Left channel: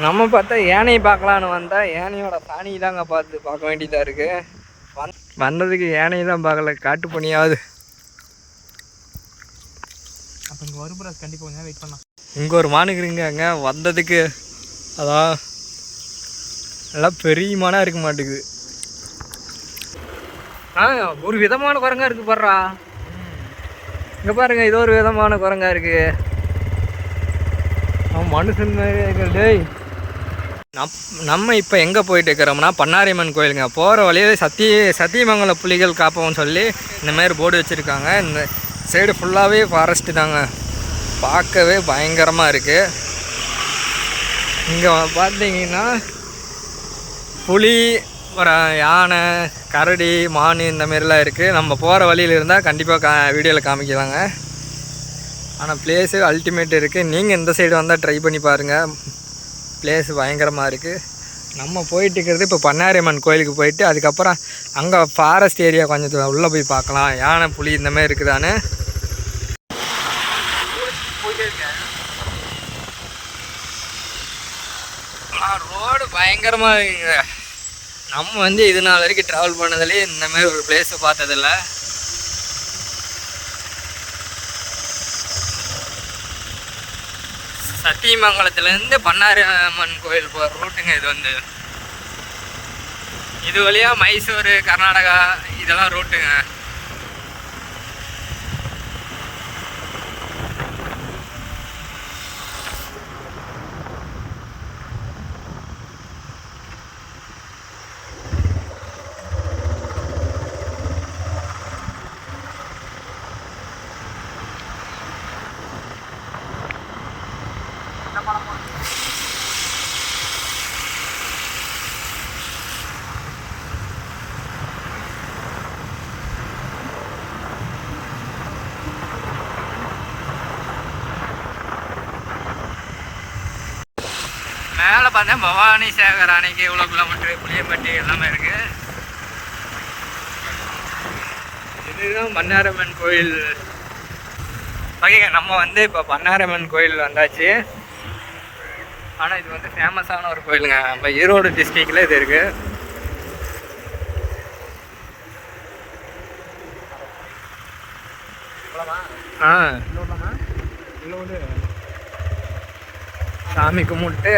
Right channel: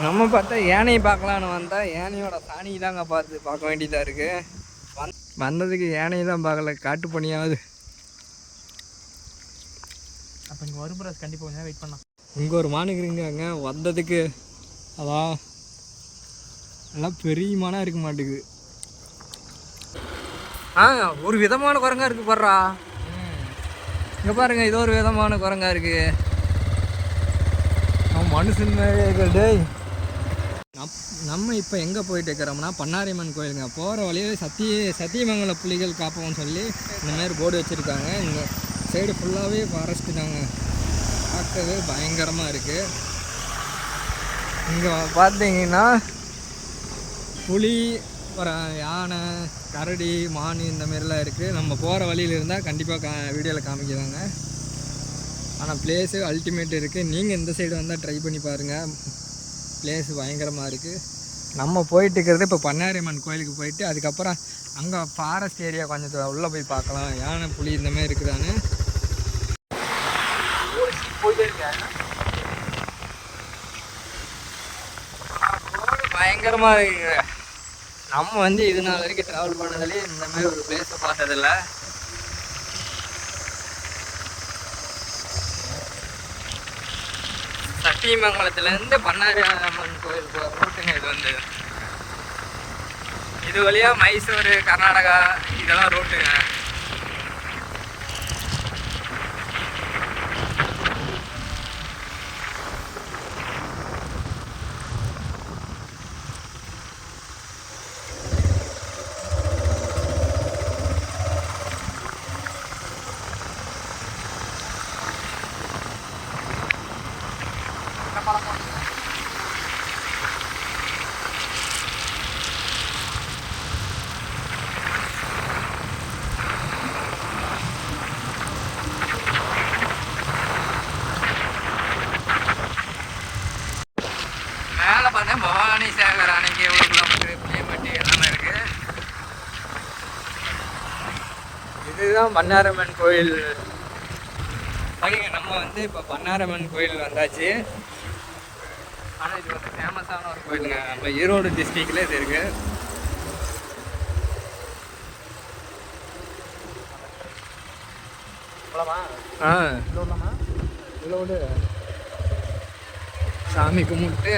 நம்ம பார்த்தா யானையை பார்க்கலான்னு வந்தால் யானையோட சாணி தாங்க பார்க்க வேண்டியதாக இருக்குது. வந்ததுக்கு யானையை தான் பார்க்கல, காட்டு பண்ணியாவது. அப்போ இங்கே வரும் ப்ரோ, கண்டிப்பாக கொஞ்சம் வெயிட் பண்ணலாம். இங்கே ஒரு மானுக்குறீங்க அங்கே வந்ததுக்கு. அதான் நல்லா பெரிய மானாக இருக்க மாட்டேங்குது. ஒரு விதமான குரங்கா இருக்குது பாடுறா. இங்கே பாருங்க, இது ஒரு விதமான குரங்கா இருக்குது. அவன் மனுஷன் டேய். நம்ம இப்போ எங்கே போயிட்டு இருக்கிறோம்னா பண்ணாரியம்மன் கோயிலுங்க. போகிற வழியில் சத்தியமங்கலம் புலிகள் காப்போம்னு சொல்லி இந்தமாரி போர்டு வச்சுருக்காங்க. இந்த சைடு ஃபுல்லாகவே ஃபாரஸ்ட்டு தாங்க, பார்க்கவே பயங்கரமாக இருக்குது. இங்கே பார்த்தீங்கன்னா புலி, அப்புறம் யானை, கரடி, மான் இந்தமாரிலாம் இருக்குது. நம்ம போகிற வழியில் இருந்தால் கண்டிப்பாக வீடியோவில் காமிக்கலாங்க. ஆனால் பிளேஸு அல்டிமேட் இருக்குது. நீங்கள் இந்த சைடு வந்தால் ட்ரை பண்ணி பாருங்கள், பிளேஸ் பயங்கரமாக இருக்குது. நம்ம போயிட்டு இருக்கிறது இப்போ பண்ணாரியம்மன் கோயிலுக்கு போயிட்டு அதுக்கப்புறம் அங்கே ஃபாரஸ்ட் ஏரியா கொஞ்சம் உள்ளே போய் பார்க்கலாம், யானை புலி இந்தமாதிரி இருக்குதானே. ரோடு பயங்கரமாக இருக்குங்க. நம்ம வந்து இது நாள் வரைக்கும் ட்ராவல் பண்ணதுலேயே இந்தமாரி ஒரு பிளேஸை பார்த்ததில்ல. சத்தியமங்கலத்துலேருந்து பண்ணாரியம்மன் கோயில் போகிற ரூட்டுங்க இது. வந்து இது வழியாக மைசூர், கர்நாடகா இதெல்லாம் ரூட்டுங்க. மேலே பார்த்தா பவானி சேகர் அணைக்கு எவ்வளோ கிலோமீட்டரு, புளியப்பட்டி எல்லாமே இருக்குது. இதுதான் பண்ணாரியம்மன் கோயில். ஓகேங்க, நம்ம வந்து இப்போ பண்ணாரியம்மன் கோயில் வந்தாச்சு. ஆனால் இது வந்து ஃபேமஸான ஒரு கோயிலுங்க. நம்ம ஈரோடு டிஸ்ட்ரிக்டில் இது இருக்குது. சாமி கும்பிட்டு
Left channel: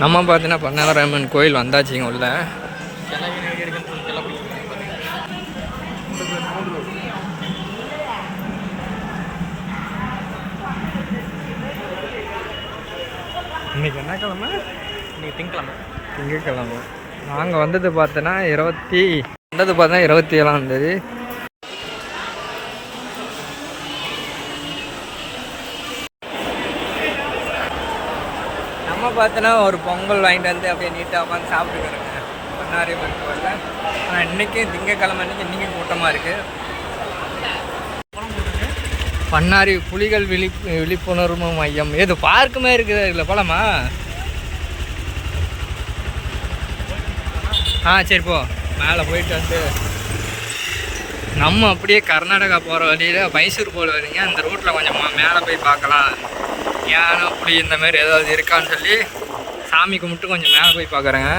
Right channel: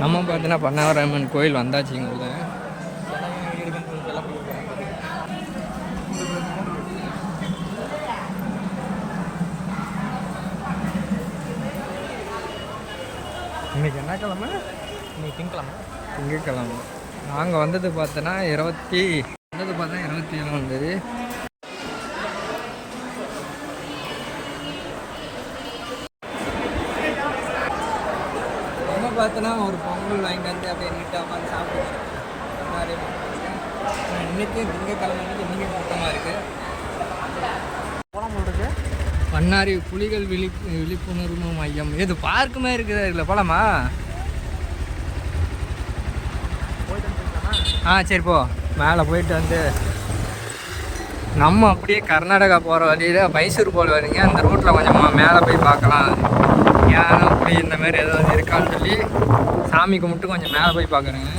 நம்ம பார்த்தீங்கன்னா பண்ணாரியம்மன் கோயில் வந்தாச்சுங்க உள்ள. இன்னைக்கு என்ன கிழமை? இன்னைக்கு திங்கக்கிழமை. நாங்கள் வந்தது பார்த்தோன்னா 27ஆம் தேதி. நம்ம பார்த்தோன்னா ஒரு பொங்கல் வாங்கிட்டு வந்து அப்படியே நீட்டாக உட்காந்து சாப்பிட்டுக்கிறோங்க பண்ணாரியம்மன் கோயிலில். ஆனால் இன்றைக்கும் திங்கக்கிழமை அன்றைக்கி இன்றைக்கும் கூட்டமாக இருக்குது. பண்ணாரி புலிகள் விழிப்புணர்வு மையம் ஏதோ பார்க்குமே இருக்குது. இதில் போகலாமா? சரி போ. மேலே போயிட்டு வந்து நம்ம அப்படியே கர்நாடகா போகிற வழியில் மைசூர் போகிற வழிங்க. அந்த ரூட்டில் கொஞ்சம் மேலே போய் பார்க்கலாம், யானை புலி இந்தமாரி ஏதாவது இருக்கான்னு சொல்லி சாமி கும்பிட்டு கொஞ்சம் மேலே போய் பார்க்குறேங்க.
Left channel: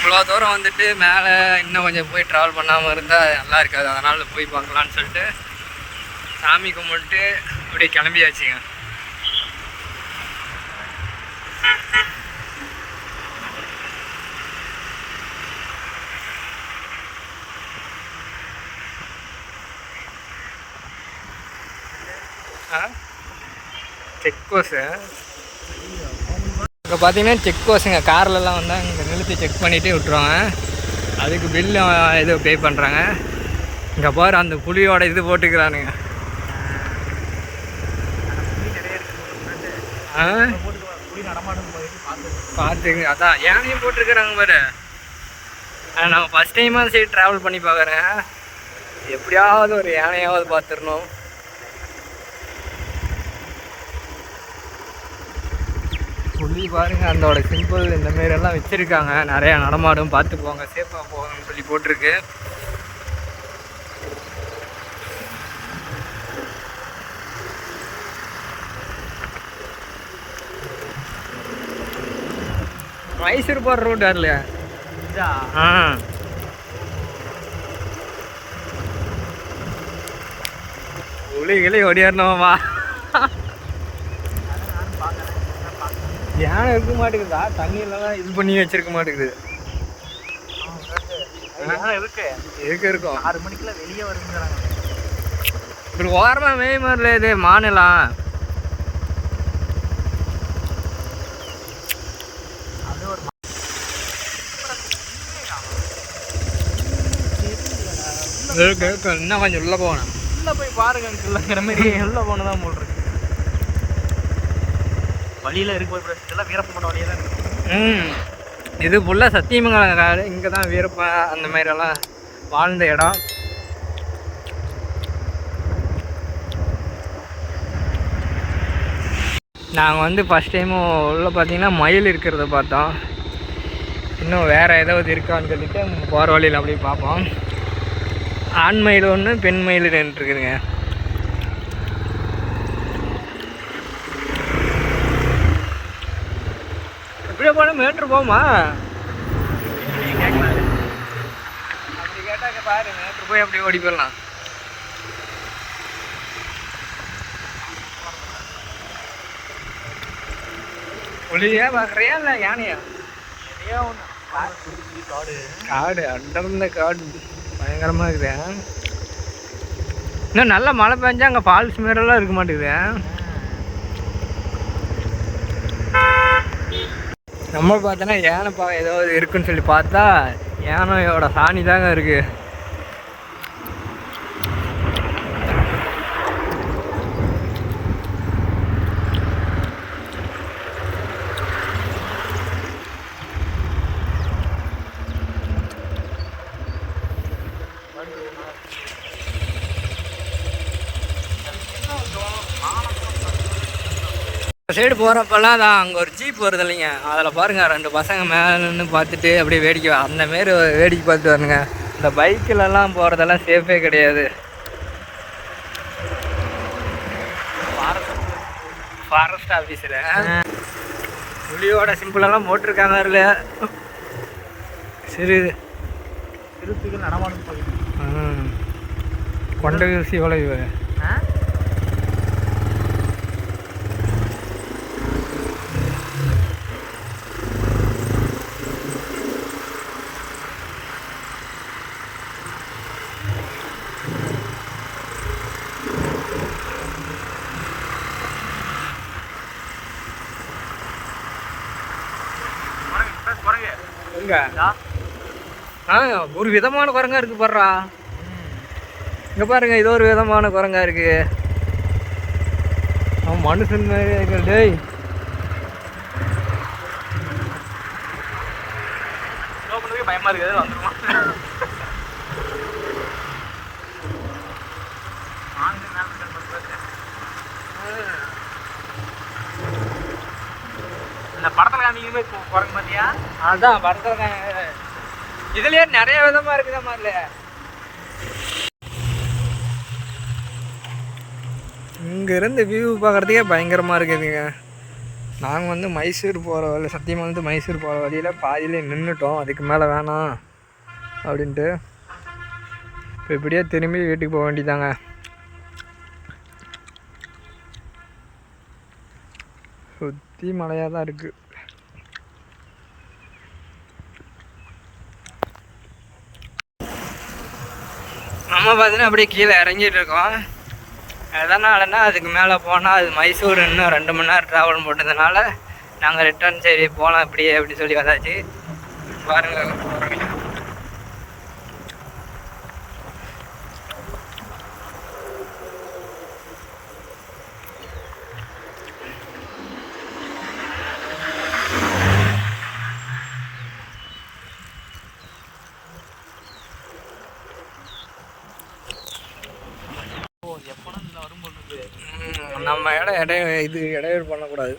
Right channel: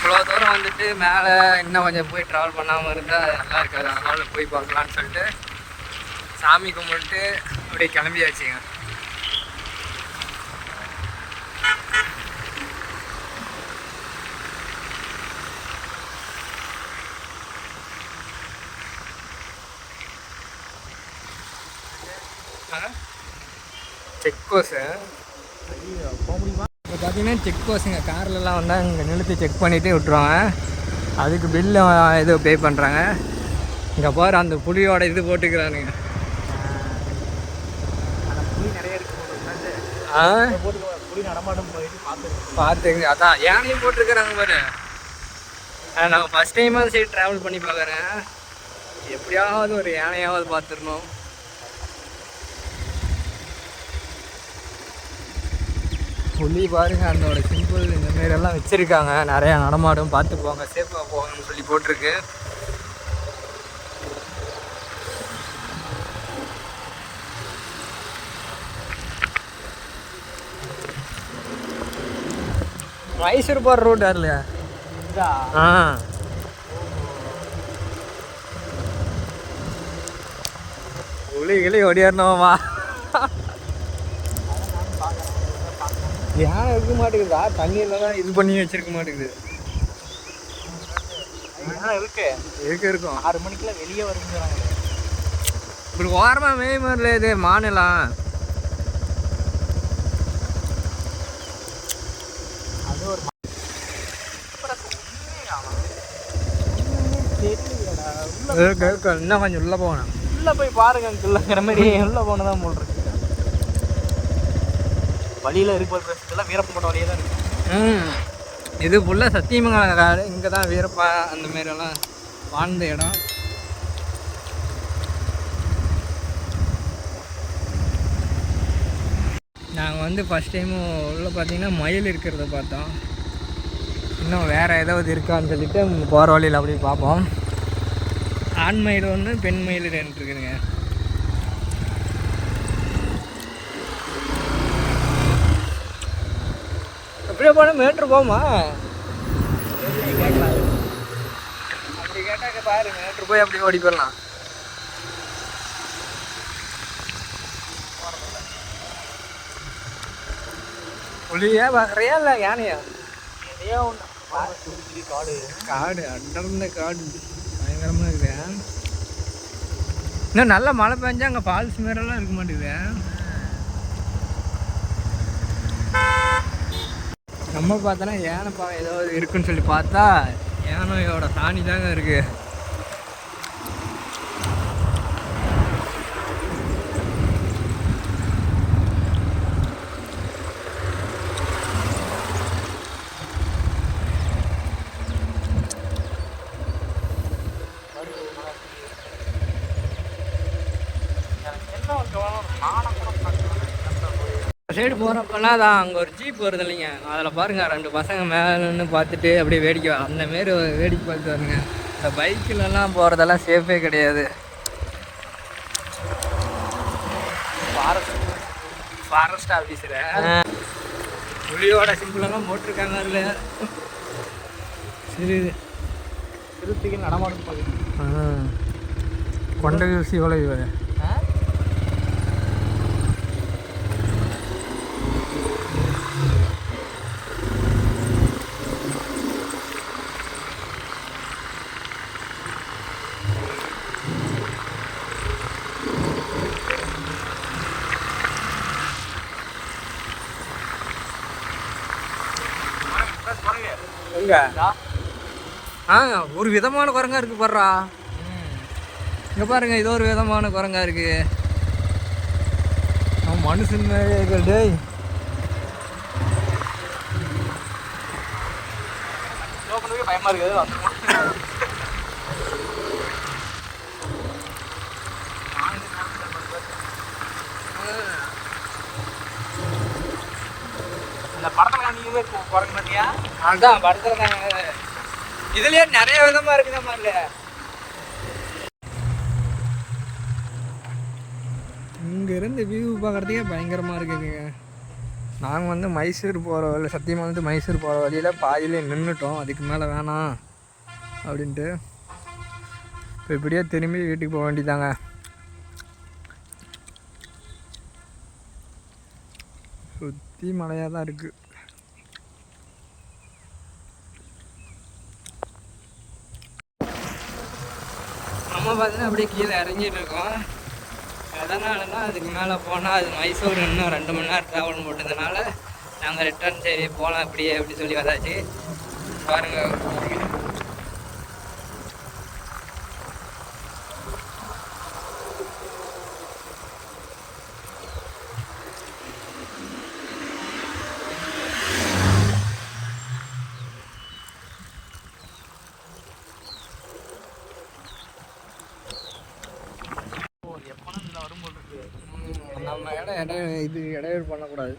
இவ்வளோ தூரம் வந்துட்டு மேலே இன்னும் கொஞ்சம் போய் ட்ராவல் பண்ணாமல் இருந்தால் நல்லா இருக்காது. அதனால் போய் பார்க்கலான்னு சொல்லிட்டு சாமி கும்பிட்டு அப்படியே கிளம்பியாச்சுங்க. செக் போஸ்ட்டு இப்போ பார்த்தீங்கன்னா செக் போஸ்ட்டுங்க. கார்லலாம் வந்தால் இங்கே நிறுத்தி செக் பண்ணிகிட்டே விட்ருவாங்க. அதுக்கு பில்லு இது பே பண்ணுறாங்க. இங்கே பாரு அந்த புலியோட இது போட்டுக்கிறானுங்க. பார்த்துங்க, அதான் யானையும் போட்டிருக்கிறாங்க பாரு. நான் ஃபஸ்ட் டைமாக சரி ட்ராவல் பண்ணி பார்க்குறேன். எப்படியாவது ஒரு யானையாவது பார்த்துடணும். புலி பாருங்கள், அதோட சிம்பிள் இந்த மாரியெல்லாம் வச்சுருக்காங்க. நிறையா நடமாடும், பார்த்து போங்க, சேஃபாக போகணும்னு சொல்லி போட்டிருக்கு. மைசூர் போகிற ரூட் வரலையா? ஆ, புலிகளே ஓடியாரணுமா? யானை இருக்க மாட்டேங்குதா? தண்ணியில தான் இது பண்ணி வச்சிருக்க மாட்டேங்குது. இருக்கும் 6 மணிக்கெல்லாம் வெளியே வருங்க. இப்படி ஓரமாக மேய் மாதிரில இது மாநிலம். இன்னும் கொஞ்சம் உள்ள போகணும். உள்ள போய் பாருங்க, உள்ள மாதிரி உள்ள போனதான் போல் இருக்கு. வழியில இருக்க இதெல்லாம் வீரப்பன் வழியே தான் இருக்கு. இது ஃபுல்லாக சத்தியமங்கலம் காடு. இங்கே தான் வீரப்பா அந்த மாதிரியெல்லாம் வாழ்ந்த இடம். நாங்கள் வந்து ஃபஸ்ட் டைமும் உள்ள பார்த்தீங்கன்னா மயில் இருக்கிறத பார்த்தோம். இன்னும் வேறு ஏதாவது இருக்கான்னு சொல்லிட்டு போகிற வழியில் அப்படியே பார்ப்போம். ஆண் மயில் ஒன்று, பெண் மயில் 2 இருக்குதுங்க. எப்படியே போனால் மீட்ரு போகுமா? அப்படி கேட்டாக்க பாரு, மீட்ரு போய் அப்படியே ஓடி போயிடலாம். புலியா பார்க்குறியா இல்லை யானையா? காடு அடர்ந்த காடு பயங்கரமாக இருக்குது. இன்னும் நல்லா மழை பெஞ்சா அங்கே ஃபால்ஸ் மாரிலாம் இருக்க மாட்டேங்குது. நம்ம பார்த்தோன்னா யானை ஏதோ இருக்குன்னு சொல்லி பார்த்தா யானையோட சாணி தாங்க இருக்குது. சைடு போகிறப்பெல்லாம் தான் அங்கே ஒரு ஜீப் வருது இல்லைங்க, அதில் பாருங்கள் 2 பசங்க மேலே நின்று பார்த்துட்டு அப்படியே வேடிக்கை அந்தமாரி வேடிக்கை பார்த்துட்டு வரணுங்க. இந்த பைக்கிலலாம் போகிறதெல்லாம் சேஃபே கிடையாது. ஃபாரஸ்ட் ஆஃபீஸரு புலியோட சிம்பிளெல்லாம் போட்டிருக்காங்க. அதில் சரி திருப்பிக்கு நடமாடு கொண்ட ஊசி வளைவு. ஒரு விதமான குரங்கா இருக்கு பாருடா. இங்க பாருங்க, இது ஒரு விதமான குரங்கா இருக்கு. அவன் மனுஷன் மாதிரி இருக்கு. டேய் பயமா இருக்குது. இந்த படத்துல நீங்க குரங்கு பார்த்தியா? அதான் படத்துல இதுலயே நிறைய விதமா இருக்குதா மாதிரி. இங்கேருந்து வியூ பார்க்குறதுக்கே பயங்கரமாக இருக்குதுங்க. நாங்கள் வந்து மைசூர் போகிற வழி, சத்தியமங்கலத்து மைசூர் போகிற வழியில் பாதியிலே நின்றுட்டோம். அதுக்கு மேலே வேணாம் அப்படின்ட்டு இப்போ இப்படியே திரும்பி வீட்டுக்கு போக வேண்டியதாங்க. சுற்றி மழையாக தான் இருக்குது. நம்ம பார்த்தீங்கன்னா அப்படியே கீழே இறங்கிட்டு இருக்கோம். எதனாலன்னா அதுக்கு மேலே போனால் அது மைசூர் இன்னும் 2 மணி நேரம் ட்ராவல் போட்டதுனால நாங்கள் ரிட்டர்ன் சரி போகலாம் இப்படியே அப்படி சொல்லி வந்தாச்சு. பாருங்கள் நம்ம இடையூறு பண்ணக்கூடாது.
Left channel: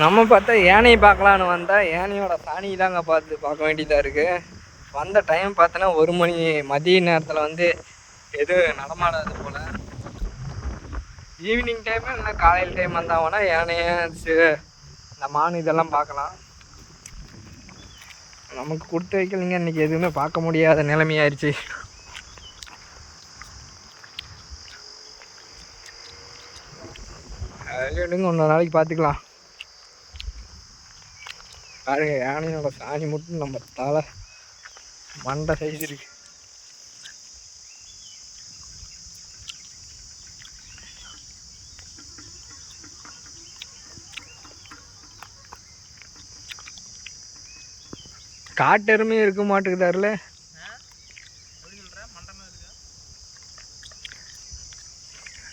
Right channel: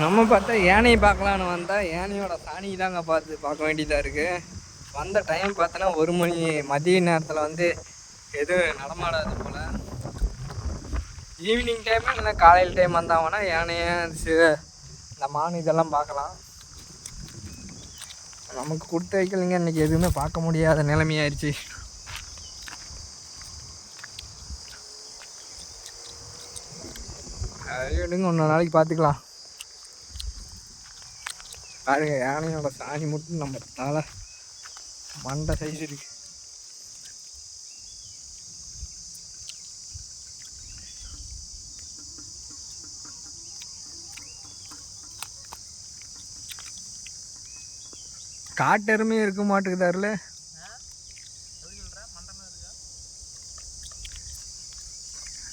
நம்ம பார்த்தா யானையை பார்க்கலான்னு வந்தால் யானையோட சாணி தாங்க பார்க்க வேண்டியதாக இருக்குது. வந்த டைம் பார்த்தோன்னா 1 மணி மதிய நேரத்தில் வந்து எதுவும் நடமாடாது போல். ஈவினிங் டைமு இல்லைன்னா காலையில் டைம் வந்தாங்கன்னா யானையை இந்த மான் இதெல்லாம் பார்க்கலாம். நமக்கு கொடுத்து வைக்கலைங்க, இன்றைக்கி எதுவுமே பார்க்க முடியாத நிலைமையாயிருச்சு. அது எடுங்க, இன்னொரு நாளைக்கு பார்த்துக்கலாம். பாருங்க, யானையோட சாணி மட்டும் நம்ம தலை மண்டை சைஸ் இருக்கு. காட்டெருமே இருக்க மாட்டேங்குதாருல.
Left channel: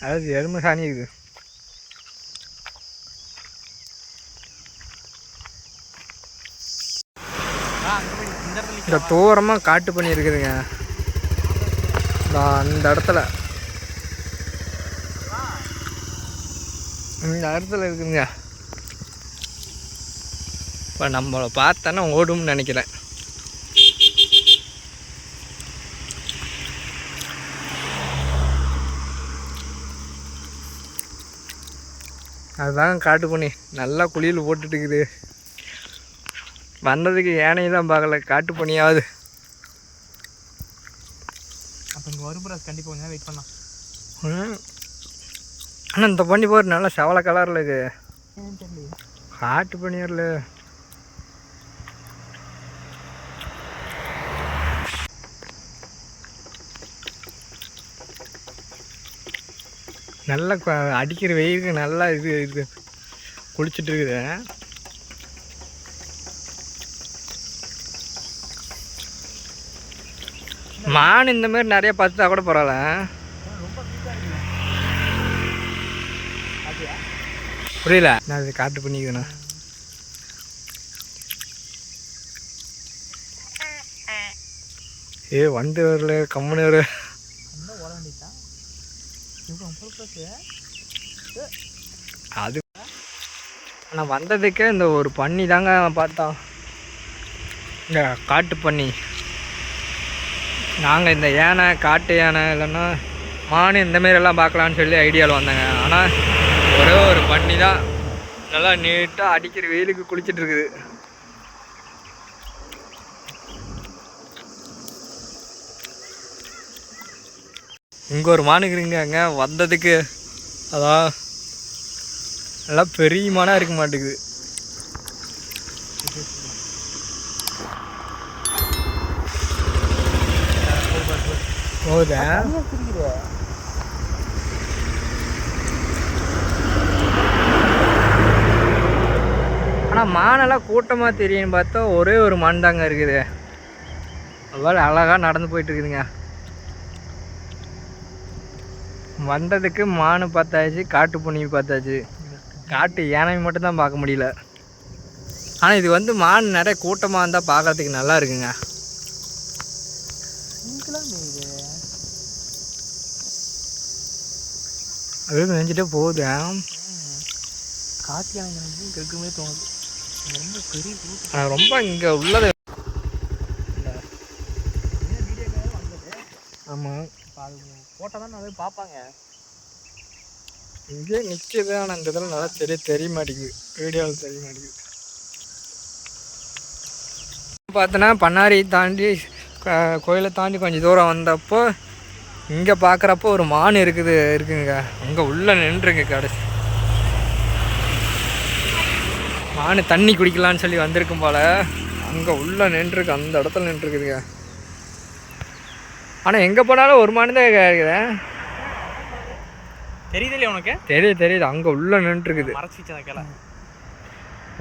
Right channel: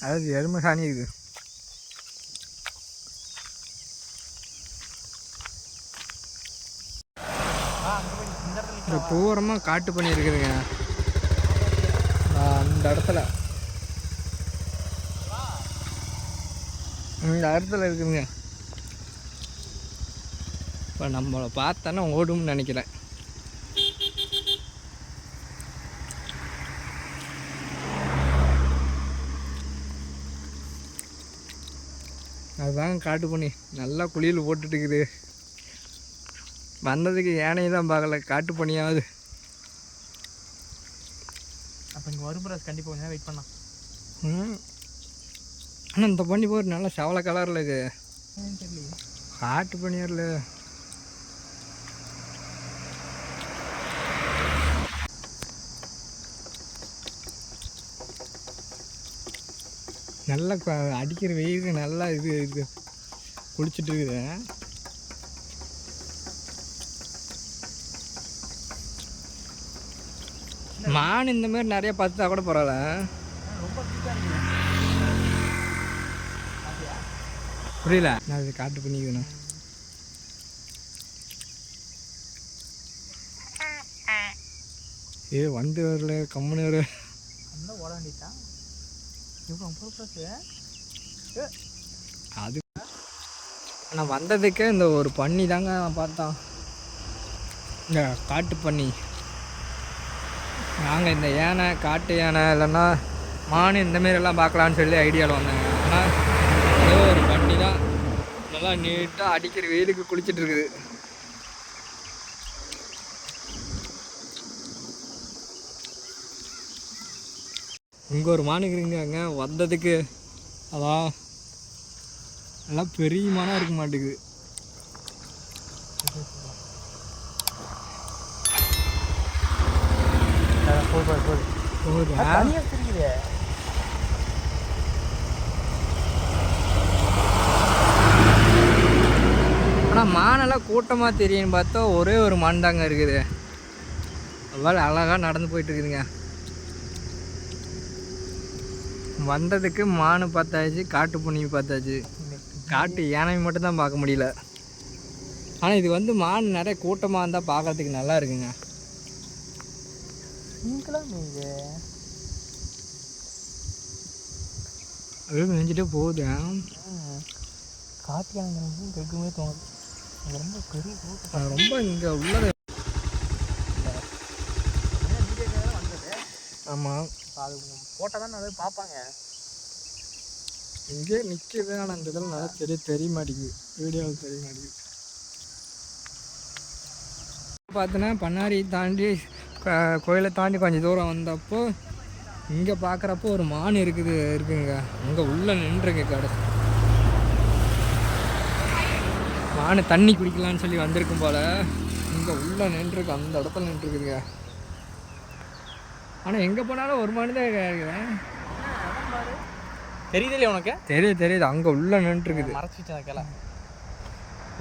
அதாவது எருமை சாணி இருக்குது. இந்த தூரமாக காட்டு பண்ணி இருக்குதுங்க. அந்த இடத்துல இருக்குதுங்க. இப்போ நம்மளை பார்த்தோன்னா ஓடும்னு நினைக்கிறேன். அதுதாங்க காட்டு பண்ணி நல்லா குளியல் போட்டுட்டு இருக்குது. வந்ததுக்கு யானையை தான் பார்க்கல, காட்டு பண்ணியாவது. அப்போ இங்கே வரும்புறாஸ் கண்டிப்பாக கொஞ்சம் வெயிட் பண்ணலாம். ஆனால் இந்த பண்ணி போகிற நல்லா செவலை கலரில் இருக்குது. தெரியல, காட்டு பண்ணியாரில் நல்லா அடிக்கிற வெயிலுக்கு நல்லா இது குளிச்சுட்டு இருக்குது. மான் இந்த மாதிரி நிறைய பார்த்தா கூட பரவாயில்ல. புரியல, நான் இது காட்டு பண்ணிக்குதுண்ணா. வந்து வரல, கம்முன்னு வர. அது ஆனால் வந்ததுக்கே இந்த ஒரு பண்ணி தாங்க பார்த்தோம், இந்த காட்டு பண்ணி. நாங்கள் இந்த யானை, காட்டு யானை இல்லைன்னா மான் இந்தமாரியெல்லாம் பார்க்கலான்னு சொல்லி ஐடியாவில் வந்தேங்க. ஆனால் ஒரே ஒரு பண்ணி தான் நல்லா நீட்டாக அடிக்கிற வெயிலுக்கு குளிச்சுட்டு இருக்குது. இங்கே ஒரு மானுக்குறீங்க அங்கே வந்ததுக்கு. அதான் நல்லா பெரிய மானாக இருக்க மாட்டேங்குது. போகுதா? ஆனால் மானெல்லாம் கூட்டமாக தெரியுன்னு பார்த்தா ஒரே ஒரு மான் தாங்க இருக்குது. அவ்வளோ அழகாக நடந்து போயிட்டு இருக்குதுங்க. வந்ததுக்கு மான் பார்த்தாச்சு, காட்டு பூனி பார்த்தாச்சு, காட்டு யானை மட்டும்தான் பார்க்க முடியல. ஆனால் இது வந்து மான் நிறைய கூட்டமாக இருந்தால் பார்க்கறதுக்கு நல்லா இருக்குங்க. அது நினைச்சிட்டே போகுது. காட்டு யானை கேட்குமே தோணுது. ரொம்ப பெரிய ஆனால் ரொம்ப இங்கே உள்ளது. ஆமாம், அது போட்டால் தான் நிறைய பார்ப்பாங்க. இங்கே நிற்கிது, ஆனால் இந்த இதில் நல்லா தெரிய மாட்டேங்குது, வீடியோவில் தெரிய மாட்டேங்குது. பார்த்தோன்னா பண்ணாரி தாண்டி கோயிலை தாண்டி கொஞ்சம் தூரம் வந்தப்போ இங்கே பார்க்குறப்போ ஒரு மான் இருக்குங்க. அங்கே உள்ளே நின்றுங்க. கடைசி மான் தண்ணி குடிக்கலான்னு சொல்லி வந்திருக்கும் போல். அங்கே உள்ளே நின்றுருக்கு, அந்த இடத்துல நின்றுருக்குதுங்க. ஆனால் எங்கே போனாலும் ஒரு மான் தான் இருக்குது. தெரியுது இல்லையா உனக்கு? தெரியுது. அங்கே உள்ளே நின்றுருக்குது. மறைச்சிச்சா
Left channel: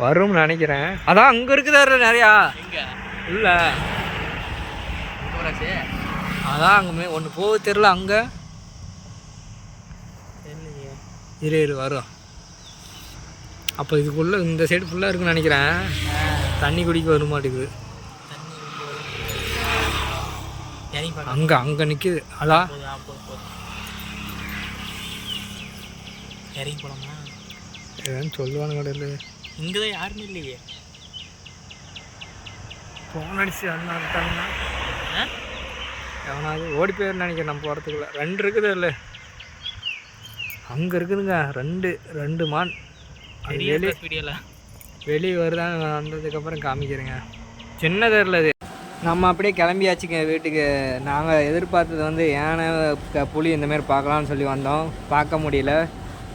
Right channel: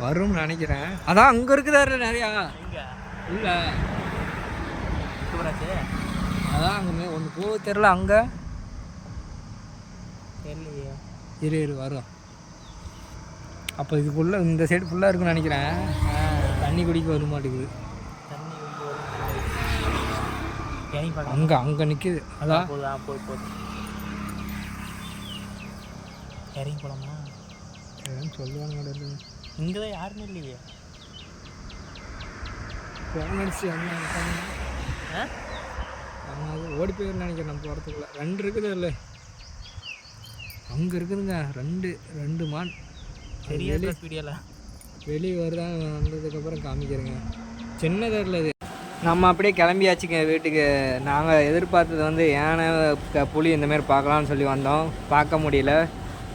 வரும்னு நினைக்கிறேன். அதான் அங்கே இருக்குதாரு நிறையா உள்ள. அதான் அங்கே ஒன்று போக தெரியல. அங்கே இரு வரும். அப்போ இதுக்குள்ளே இந்த சைடு ஃபுல்லாக இருக்குன்னு நினைக்கிறேன். தண்ணி குடிக்க வர மாட்டேங்குது. அங்கே நிற்கிது. அதான் இறங்கி போகலாமா? ஏன்னு சொல்லுவானு கடையில். இங்கே தான் யாருமே இல்லையே. ஃபோன் அடிச்சு வந்தாங்கன்னா எவனாவது ஓடி போயிருந்து நினைக்கிறேன். நம்ம போகிறதுக்குள்ள 2 இருக்குது இல்லை, அங்கே இருக்குதுங்க 2 மான். அது வெளியே வருதான், வந்ததுக்கப்புறம் காமிக்கிறேங்க. சின்ன தெருல இது. நம்ம அப்படியே கிளம்பியாச்சுங்க வீட்டுக்கு. நாங்கள் எதிர்பார்த்தது வந்து யானை புலி இந்தமாரி பார்க்கலான்னு சொல்லி வந்தோம். பார்க்க முடியல.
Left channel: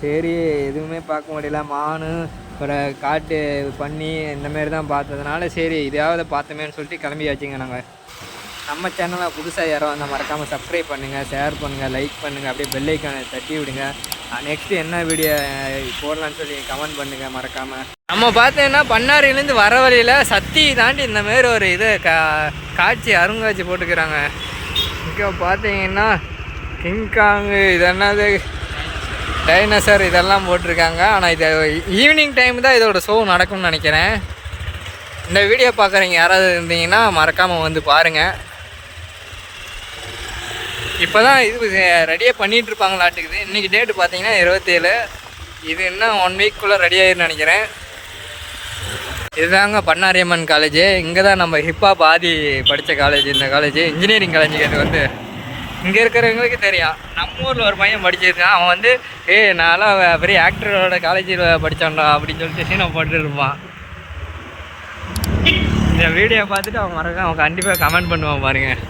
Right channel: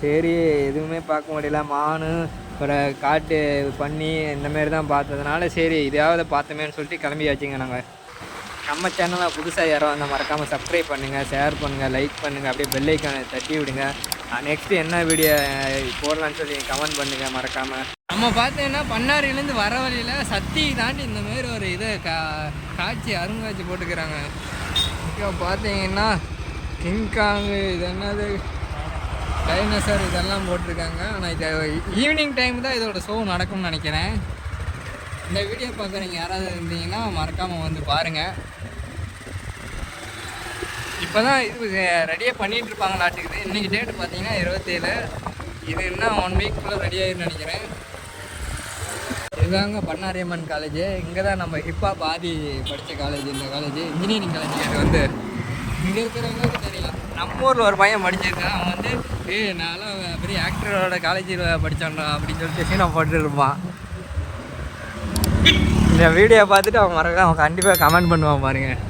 சரி எதுவுமே பார்க்க முடியல. மான் அப்புறம் காட்டு பன்னி இந்தமாரி தான் பார்த்ததுனால சரி இதையாவது பார்த்தோமேன்னு சொல்லிட்டு கிளம்பியாச்சுங்க. நாங்கள் நம்ம சேனலை புதுசாக யாரோ வந்தால் மறக்காமல் சப்ஸ்கிரைப் பண்ணுங்கள், ஷேர் பண்ணுங்கள், லைக் பண்ணுங்கள், அப்படியே பெல் ஐக்கானை தட்டி விடுங்க. நெக்ஸ்ட்டு என்ன வீடியோ போடலான்னு சொல்லி கமெண்ட் பண்ணுங்கள் மறக்காமல். நம்ம பார்த்தீங்கன்னா பண்ணாரிலேருந்து வர வழியில் சத்தி தாண்டி இந்தமாரி ஒரு இது காட்சி அருங்காட்சி போட்டுக்கிறாங்க. இங்கே பார்த்தீங்கன்னா கிங்காங்கு இது என்னது டைனோசர் இதெல்லாம் போட்டிருக்காங்க. ஆனால் இது ஈவினிங் டைம் தான் இதோட ஷோ நடக்கும்னு நினைக்கிறேன். இந்த வீடியோ பார்க்குறீங்க யாராவது இருந்தீங்கன்னா மறக்காமல் வந்து பாருங்கள். இப்போ தான் இது ரெடியாக பண்ணிகிட்ருப்பாங்களாட்டுக்குது. இன்றைக்கி டேட்டு பார்த்தீங்கன்னா 27. இது இன்னும் 1 வீக்குள்ளே ரெடி ஆகிருன்னு நினைக்கிறேன். இதுதாங்க பண்ணாரியம்மன் காலேஜு. இங்கே தான் நம்ம ஹிப்ஹாப் ஆதி படித்த காலேஜ். இந்த காலேஜ் இன்ஜினியரிங் காலேஜுக்கு அது வந்து இங்கே இருக்கிறவங்களுக்கு தெரியும். நம்ம ஊரில் ஒரு பையன் படிச்சிருக்கான். அவன் வந்து நான்லாம் பெரிய ஆக்டரோட காலேஜில் படித்தான்டா அப்படின்னு சொல்லிட்டு சீனை போட்டுருப்பான். இந்த வீடியோ பார்த்துட்டு அவன் கண்டிப்பாக கமெண்ட் பண்ணுவான் பாருங்கள்.